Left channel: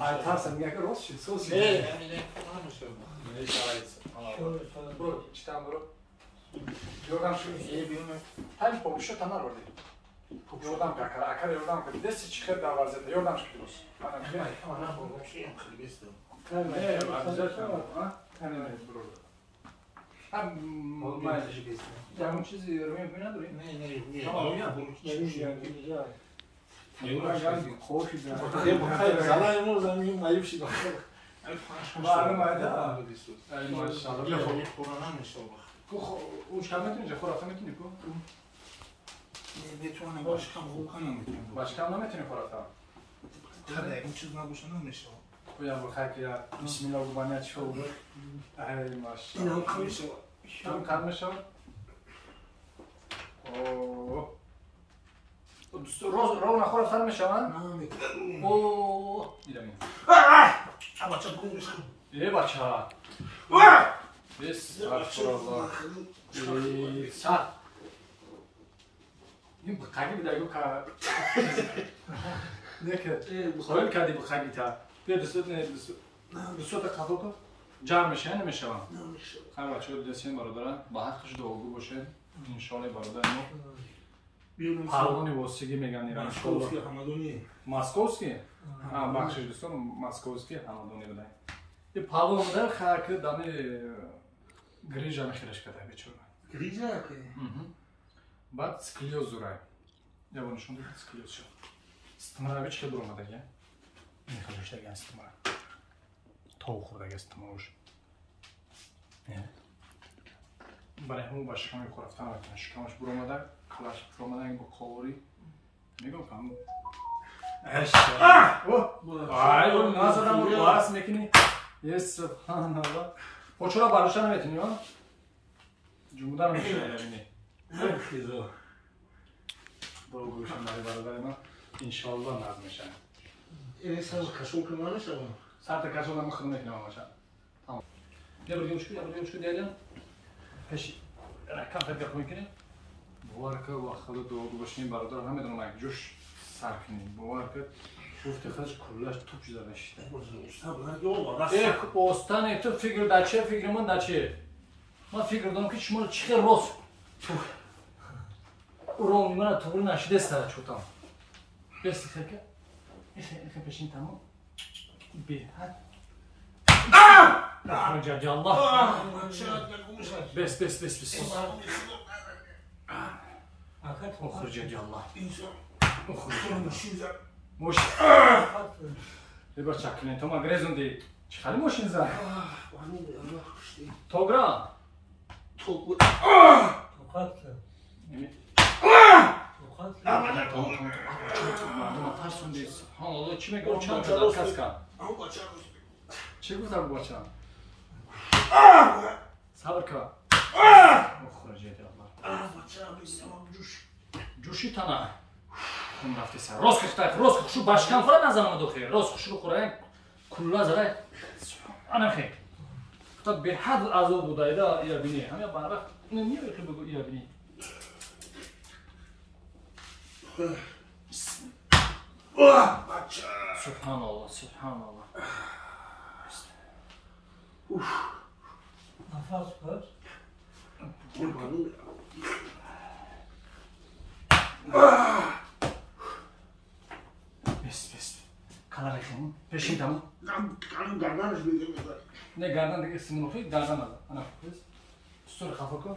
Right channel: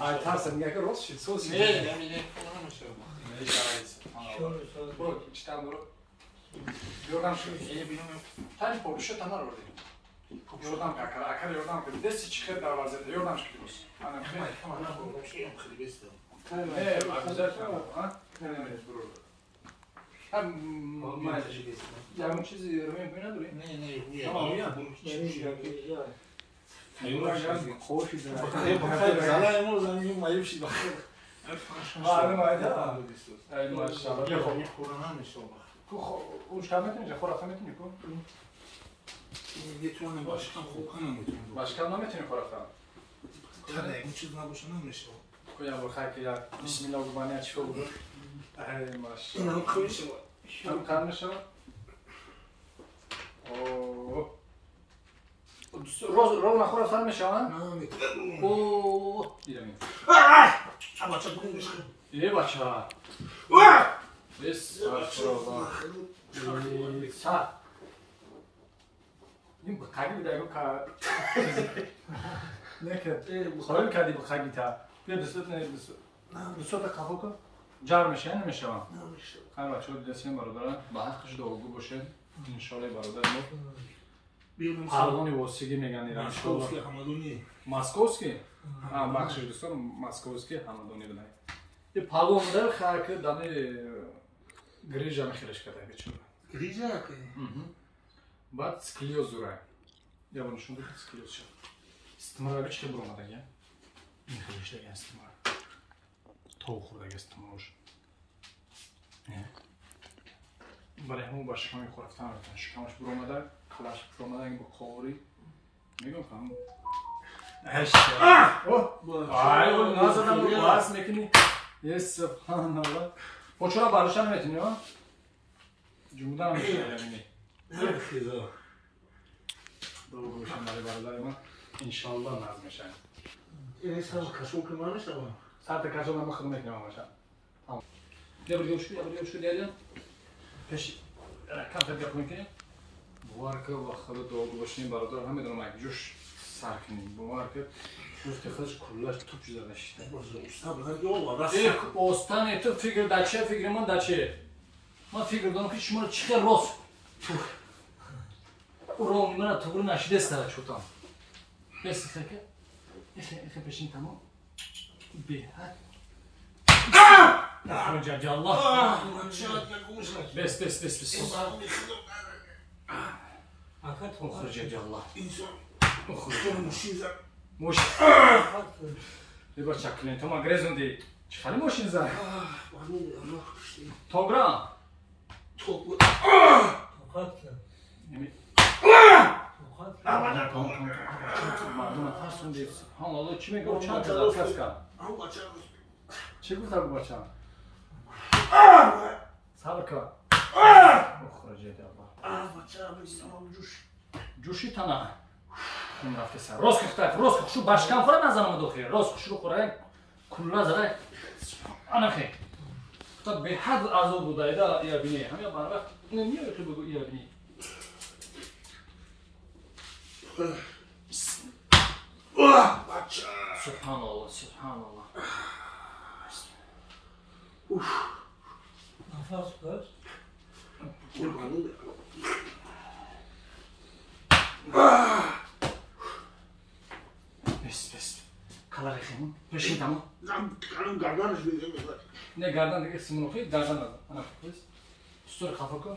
Aytarsan nega ki rost shit so'z. Bro, ishdan bro. Yordam shu tam po'sha tanar ro. Yordam kakara, akara yordam qildi. Desi chiqib da vaziyatda yordam qilamiz. Ana bro. Ya un çizi yorumum böyle duruyor. Ne. Tamam ya. Zala yamur zangi mayıp şey bak. Ay maşallah. Yok Kur'an'a mı sor bak. O şahmet mi? Fotoğrafı mı bu? Detone başkan Volkan'a mı? Başkanla mı etini fotoğrafı? Tabii bu çizme boşuna mı sor? Koya bu hayki ya. Bismillah bu bana açıyor olur. Ay maşallah. İnan kıyısı var. Tam karmış o. Oo. Roz na khora sarmış ama. Oo. Diyemiyorum. Ama çakılmış. İyi başa. Biz afro. Sa. Nim bakagi da yok ka. Ne ki? Koyun kadi bu kagita. Bir de süt ne bir süt. Bir süt de kafa ko. Jarmış yani mi şavan? Hem açıyor desin barada. Bahar kış doğu boşe. İnşallah barada mı? Pardoni vosigi megan iran Moskovski Hamadoni. Moskovski? Ha bakşış dostum Moskovski Hamadoni bilan. E pardonda xaki dami grijani xirish kada bechur. Grija ki. Bad skliyoz duray. Ya bunu shunday skliyoz shu. Istimar bechke buromadaga. In xirishlarga istimar. Tovuqdagi istimar ush. برای همون باشه کمی خورفتن میکنه شکمش برومدن کلاش برومدن با کوری میگم کنم هشت وای اون نازدم رو باز میکنی یه سبحان الله و چرا بالوشن نمیتونی ها جمودن میشه ببینی دو گوشم برای برادر من انشالله ناز میشن این سال کشون کنانه شما ساعت کشون هم خدمت میکنم باشه تمام بیا بریوش دیدی پیش رکن فکر کنید که بوارکه وقت دو باشیم برادر همه دنیا مایک جوش سرکنیم بوارکه گفته خودش کلش توپ زده شده. استان تو فکر دچه فکر من دچه من فکر دارم که شما چیکار راست رو من تو برو نشده است چوتام بس که این پیشین تمام به خرج الله بس خرج الله موش ببر چکنین تو ما گرزوندی چی خالی موشین زد توگرا مردم ترسوندی سبحان الله چی میگه چند تا در کس کن چی گفتم با بچم صبر کن خرجه الله جوشی تنه خون رفته سر راست کفتای راست خوشو باشکم خورم نزنم دو خیر راست خوشو خوره کلا زره انا خیر تا به حد عذاب بوده دا یا بینی همه بارا نمیاد که بگو یا بینی سبحان الله سبحان الله نفس کن بس کلا رفتیم پیشی تمام کلام گردنش بگیم نه گردن دیگه سیمون خیلی گردن نزد انا بس استور خفه کن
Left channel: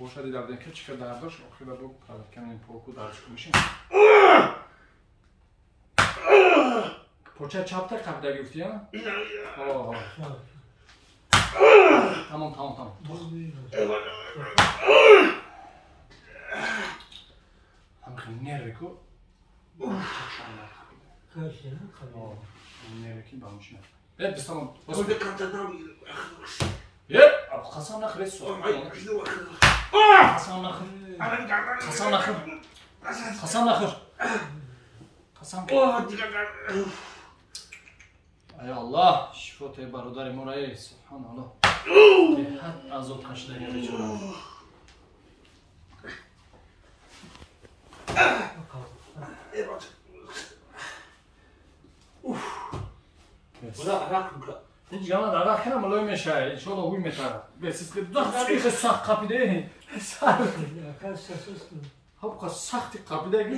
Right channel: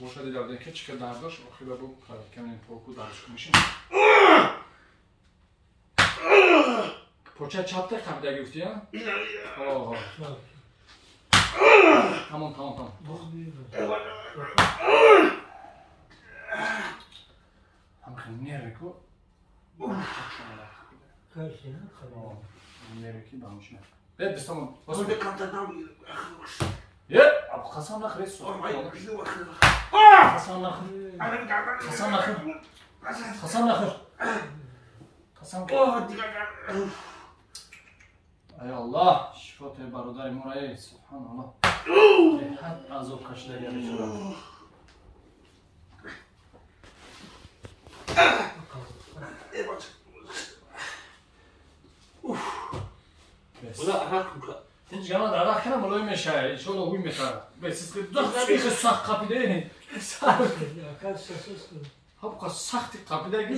boşa değil abi ki çıkar dardaş o kadar bu kamimin porku darış konuşun. Poça çapta kapıda gitti ya. Oo. Tamam. Hem nerede ko? Nerede ki bamış mı? Evet biz tamam. Ya, abi Hasan nakır es o. Hasan nakır. Ay Allah, şifa te barodar morayı, subhanallah. Had azap kaşla gelmiş ora. بوده عرق میکنه هیچ گمان عرق کنم ملوی میشه انشالله اوی میتره بسیز که دخت خیلی سخت قبیده خب که سختی قبیده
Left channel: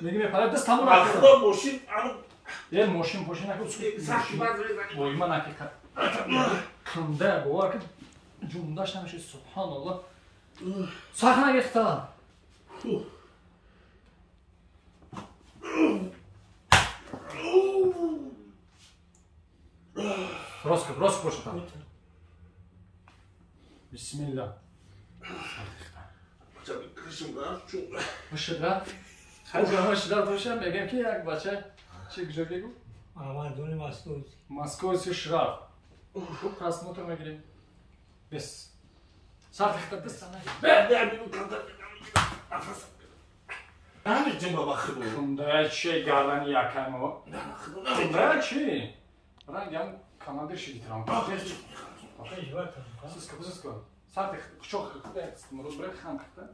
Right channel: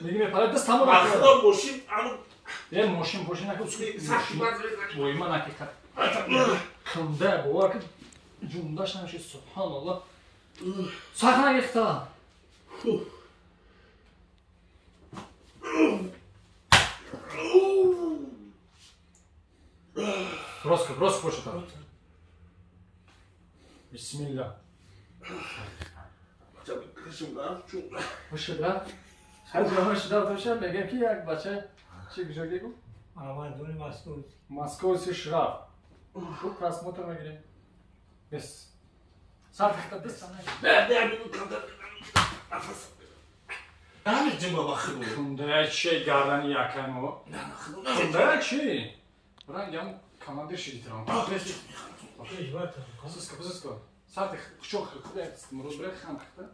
میگه میپره دست همون نکنه خدا ماشین اما این ماشین نکنه سختی بد وای من حقیقت کنده باور که جونداش نمیشه سبحان الله سخت نگیخته راست پوشتا بسم الله باشد خیلی باشد باشد بگم که یک بچه چی گذاری بود؟ محمدون مسعود مسکوی شراف خوب تصمیمات رو میگیریم بس سر تخت دست همه جمعه بخیرون کنده چی گردن یکنو کنده چی؟ رنگ هم کاناده شدی ترام بس کن سر تخت شو خیلی مرود برای خم خیلی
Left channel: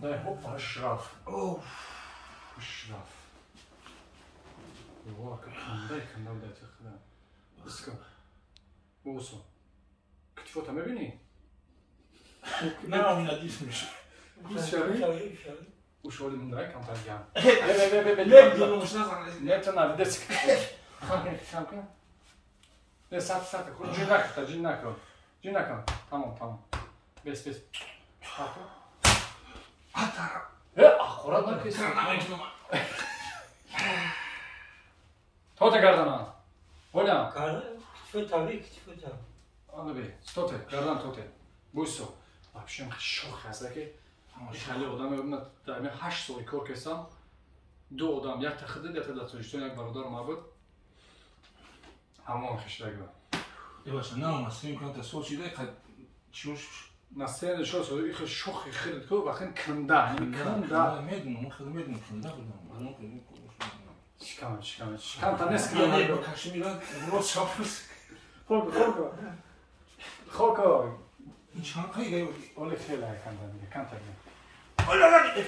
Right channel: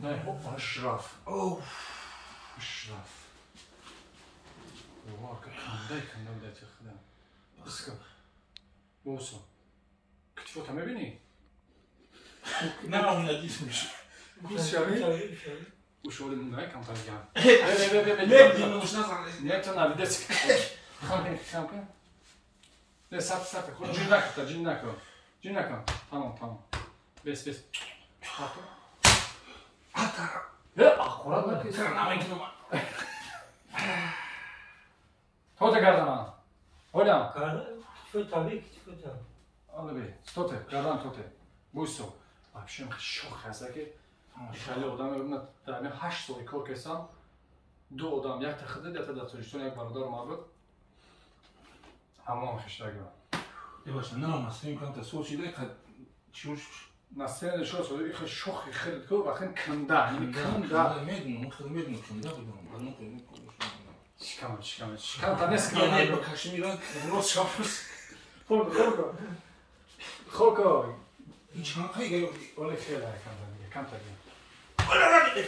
کنده اشراف اشراف واقع کنده بده چه خدا بس کن بوسو کتفوت هم ببینی؟ نه همین ندیس میشه بیس شوی؟ وشولی مونده کمتر گم نبینیم مشنزم نه تو نبی دست خم کن ده سرت خود جی نکن تمام بس خورد نکیست تو گردن هولم چطور طبیعی چطور آنو بی توته گردن توته بویسو افشم شوخ هسته که خیلی آدم ببینم در این 8 سالی کار کردم 2 آدم یک تخدید یک تداتوریشتون یک برادر ما بود همه هم خشتگی بود باشه نه مستیم کنم تا سوچی ده که چوش مسئله شو این شوخی خیلی که و خیلی کنده میدونم کنده بودم شکم تا نیست یا یه با کشمیران روز شافرس خوکو این چند خیلی گیودی اولی خیلی های کنده کم ترگیم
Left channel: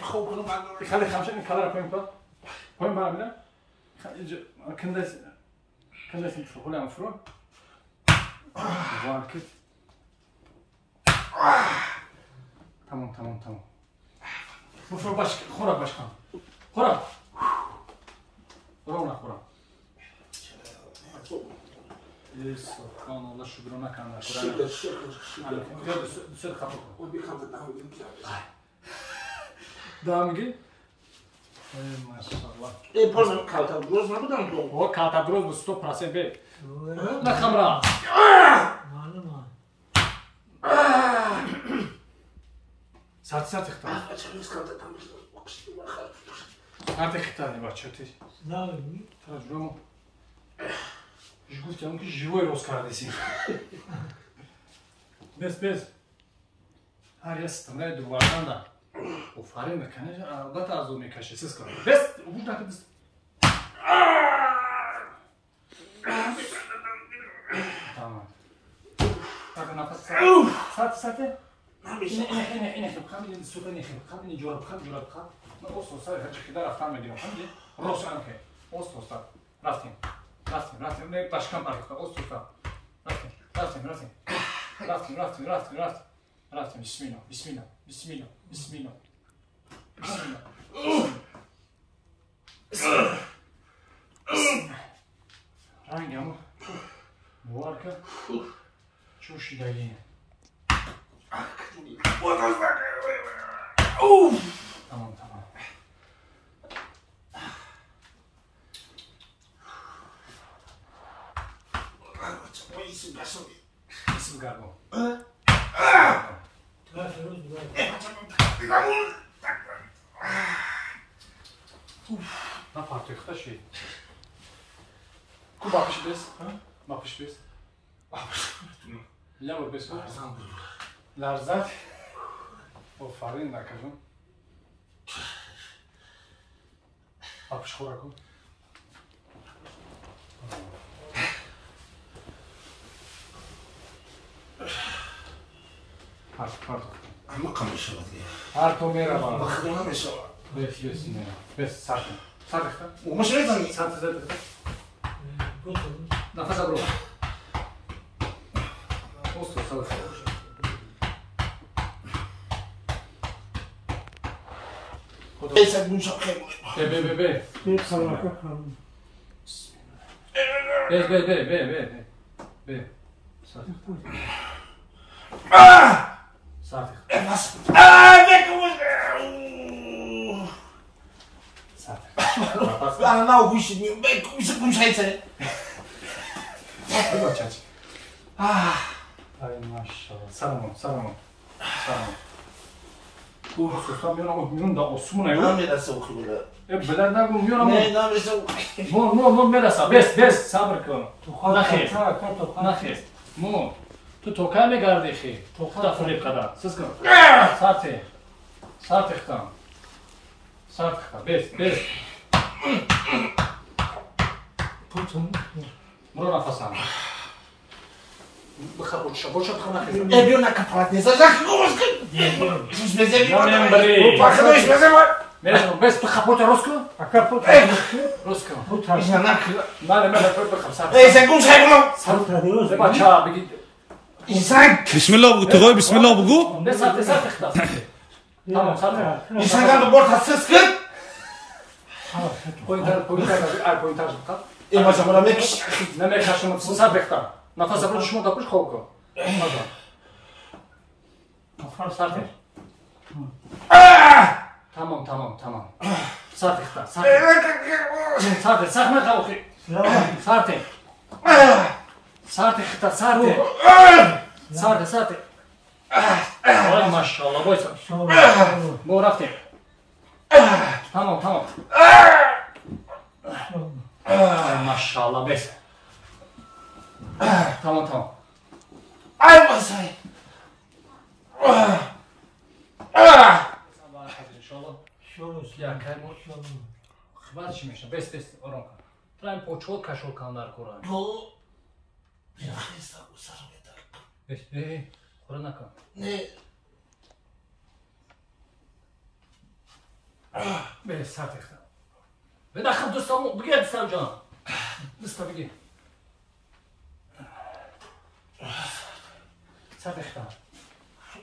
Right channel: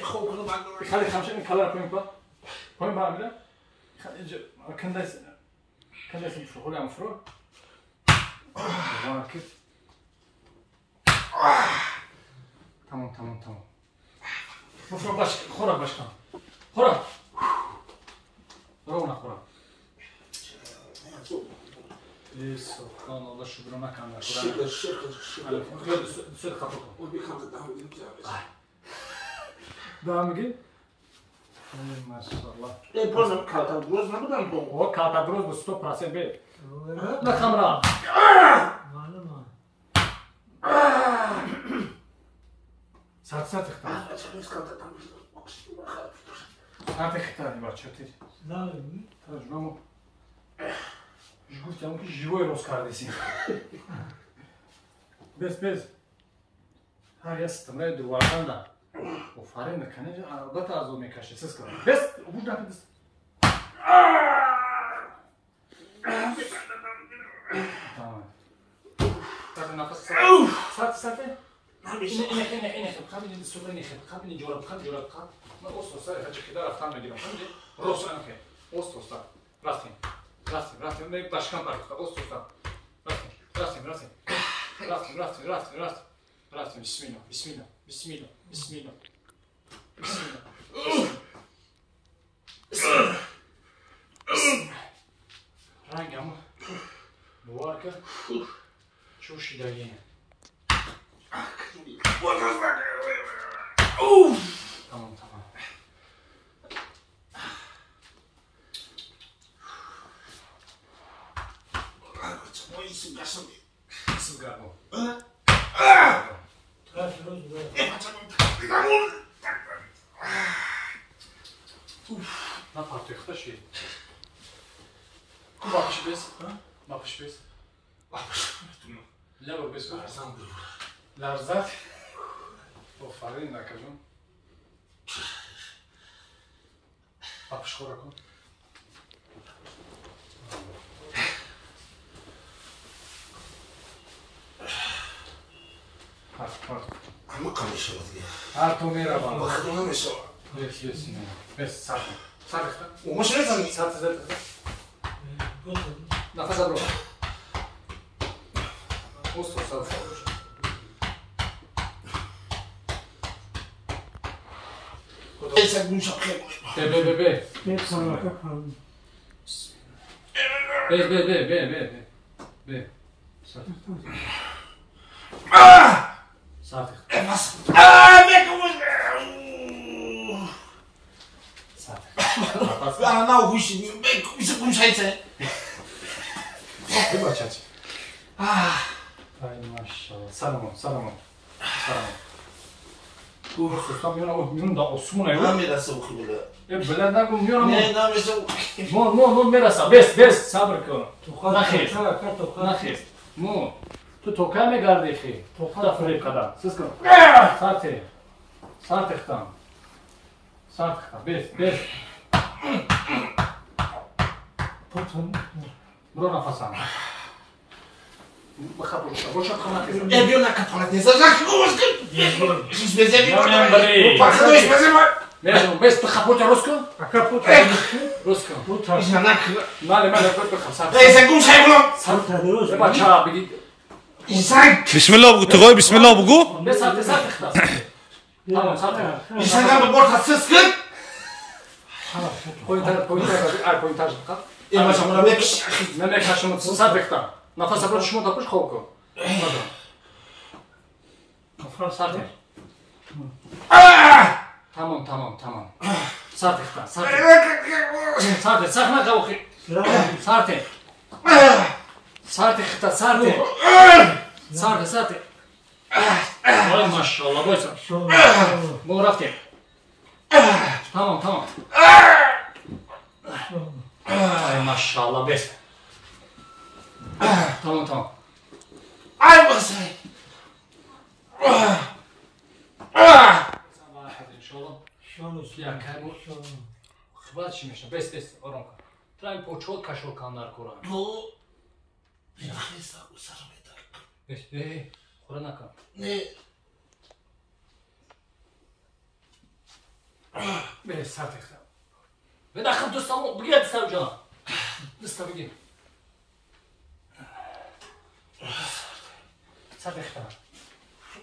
خوب کنم بنداره خیلی خمشه این کلر پایین کن پایین برم میده کنده این خولی هم فرو وارکت تمام بفرو باش خورا باش کن خورا رو نخورا سبحان الله شکر نکنم شکر سر خفه کن او بیخم تا دهم بودیم دا میگی؟ ماشاءالله ای پرسم کلتا روز نبودم تو او کلتا دروز به 100% بی نخم را معلومه سر اختار سر اختار بچه تی نه میگی ترجمه گفتم که جوی روز کردیسی بس هر یه استمره دواران دا و فارین نکنه البته از اون میکشه سس کن بس بود نکن بس تمام ساعت نفس ساعت اینه خب صوت خیلی جوراب من اوستو سایه فچه که رفتن میدیم خیلی روشن که اوستو رفتیم نه باشکن پارک اوستو رفتیم بسم الله رنگمو نوار که چوشیدگی تمام Isso garbon. Na parte que tá cheio. Como bakış bes? Bakış bes. Leva bes bu. Lerzat. O farin nakazım. Bakış kurakı. Part. همه کمی شد دیگه هر تو میره بالا خودم نمیشه بس بس میره بس سرت سرت مش میزنی سرت زد نفس برو اوست صاف ایسا گوشا به Bir karaka kalın. به سرت بس سرت انا نه گوشی میام بگو گوشایته بگو چاچ ای ماشاءالله سلام سوستا میون دا اسمونه من میرسه اوکی بله بلند نگو میونم نه نمیشه مون میرسم بس صبر کن نخیر Karaka نخیر مون تو توکل میگردی خی توکل فریب قدم سس کن سرت اختم بس برو نفسم بخبر شو خناخیر بیو نکفارت نیست زاک گوش کن هیچ بزنی نمیم بری پاکدوش بزنی میشم بس تخبرت روز کن Akaput روز کن bu tarz. هیچ نک ماله بخم سرت ایسا گوشای کنم Bu tarz. بچه بگید ایسا بسم الله بگو تقای بسم الله بگو بس سرت اختم تمام سرت ایسا گم بورت هستس کن پوینتر بخم ایما شما رو بکش نمیکشم سرت اختم نفس برو شما داپوش خوب کن سرت تمام سرت اختم سرت سخت نخوخی سرت اختم سرت آی ماشاءالله بایسا بو رفتیم تمام آی ماشاءالله بیس تمام ای واسه یا کرد خبر چی میشه بس آرام کن تو این پوچول کشول کن در کورا بو بیا خیستا او سرم بیتر بس خوره نکن نه بله سرت اختم بدخل دوستامو بگیر دستم جان دستا بگیر سرت اختم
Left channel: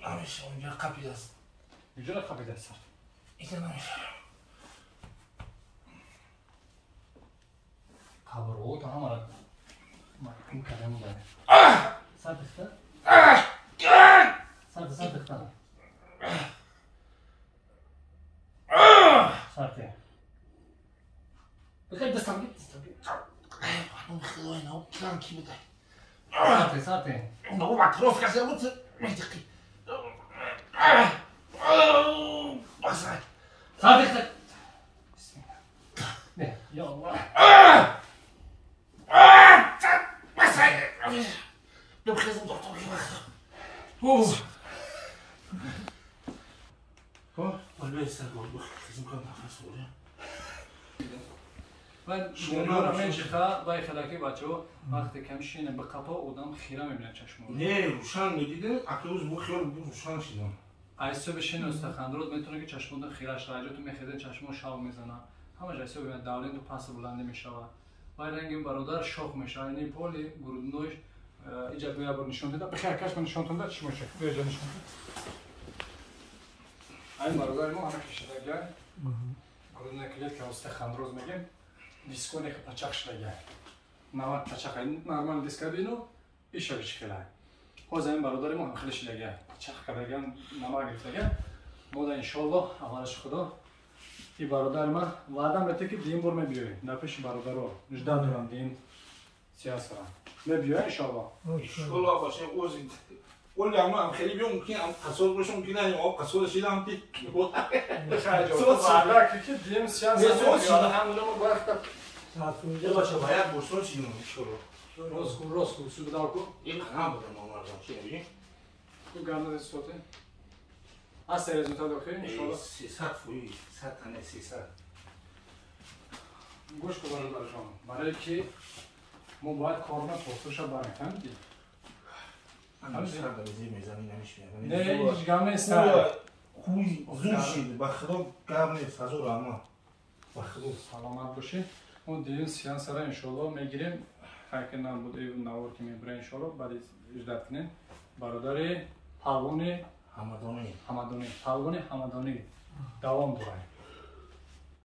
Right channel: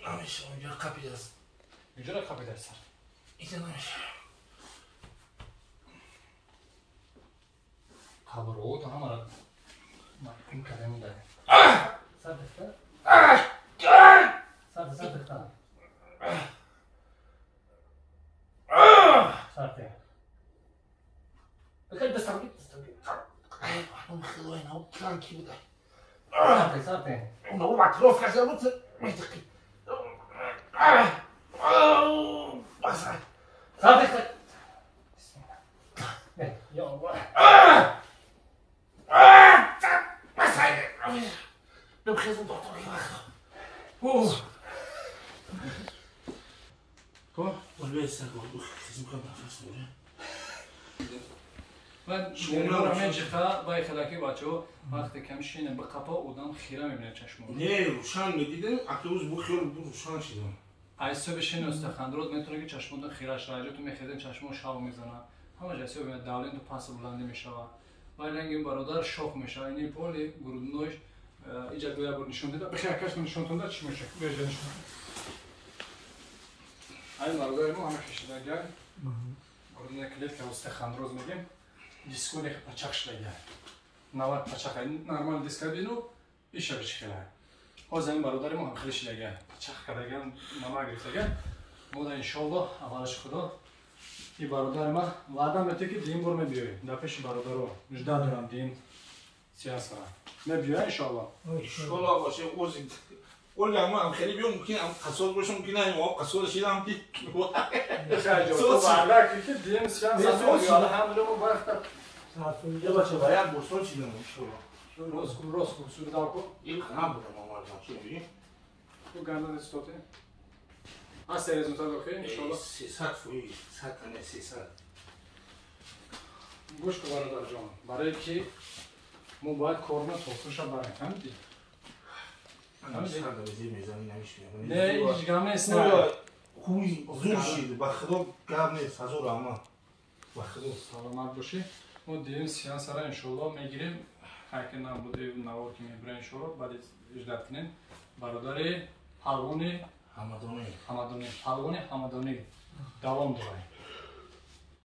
نمیشه اونجا قبیل است اینجا قبیل در سرت اینجا نمیشه خبر او تا همه را این کلمه داره سرت اختم سرت اختم سرت بگیر دستم بگیر اون خیلی نه کان کی بوده سرت اونو مطروف کسی بود میدقی بسای سرت اختم یا الله بسای بخیزم دکتر والله استقبال بخیزم کنم نفس بوده من نمیدونم این جفا با خلاکی بچه‌ها وقتی که میشینه به قپا اودم خیره میبینه چشمو نه روشن میدیدم اکیوز بو خیلی بو روشن شدم ایسو بشین استخوان میتونه که چشمون خیرش راجع تو میخیدن چشمو شاو میزنه همه جایسو ببینه داولین تو پاس بلندی میشوه و این برادر شوخ میشه این پولی گرودنوش ایجا دویا بر نشون داده بخیر کاش من نشون داده چی میشه بیا جا نشون این برادر ما همه کشیده گای گرودنه کلیت که استخوان روز میگیم دیسکونی که پچاقش لگه نواد پچاق نرمال دیسک بینو ایشه بچخیله باز این برادر ما هم خیلیش لگه پچاق کردگان نمک گرفتگان مودا انشالله اولش خدا این برادر ما وعده میده که دین بر میبیایی نپیش برادر رو نجده میرم دین سیاست کنم میبیایی انشالله شولا باشه اوزید اول گامو هم خیلی بیام ممکن هم قصد باشه ممکن نه او قصد شده هم پی بخیر تو وعده که دین سیاست میبیایی هم دو وقت یه باشه باید بوسون چیزی نمیشه روز کن سود داو کن این قناه بوده مامان چی ببین تو گرده دستوته هست رزولتات اوکی انشالله 300 فوی 100 تنه 300 گوش کن برادر جان برای که ما باید کارنا توفیش برای فهمیدی سر دوزی میزنی نمیشونی نه هیچ گم نیست خوی زور شید بخدا گرم نیست هزار اما بخدا سلامت باشی ما دیگه سیانس را انشالله میگیریم اگه نبوده نوار که میبره انشالله بعد اجداد کنین برادر پروانه همدانی حمدانی پروانه حمدانی دوام داریم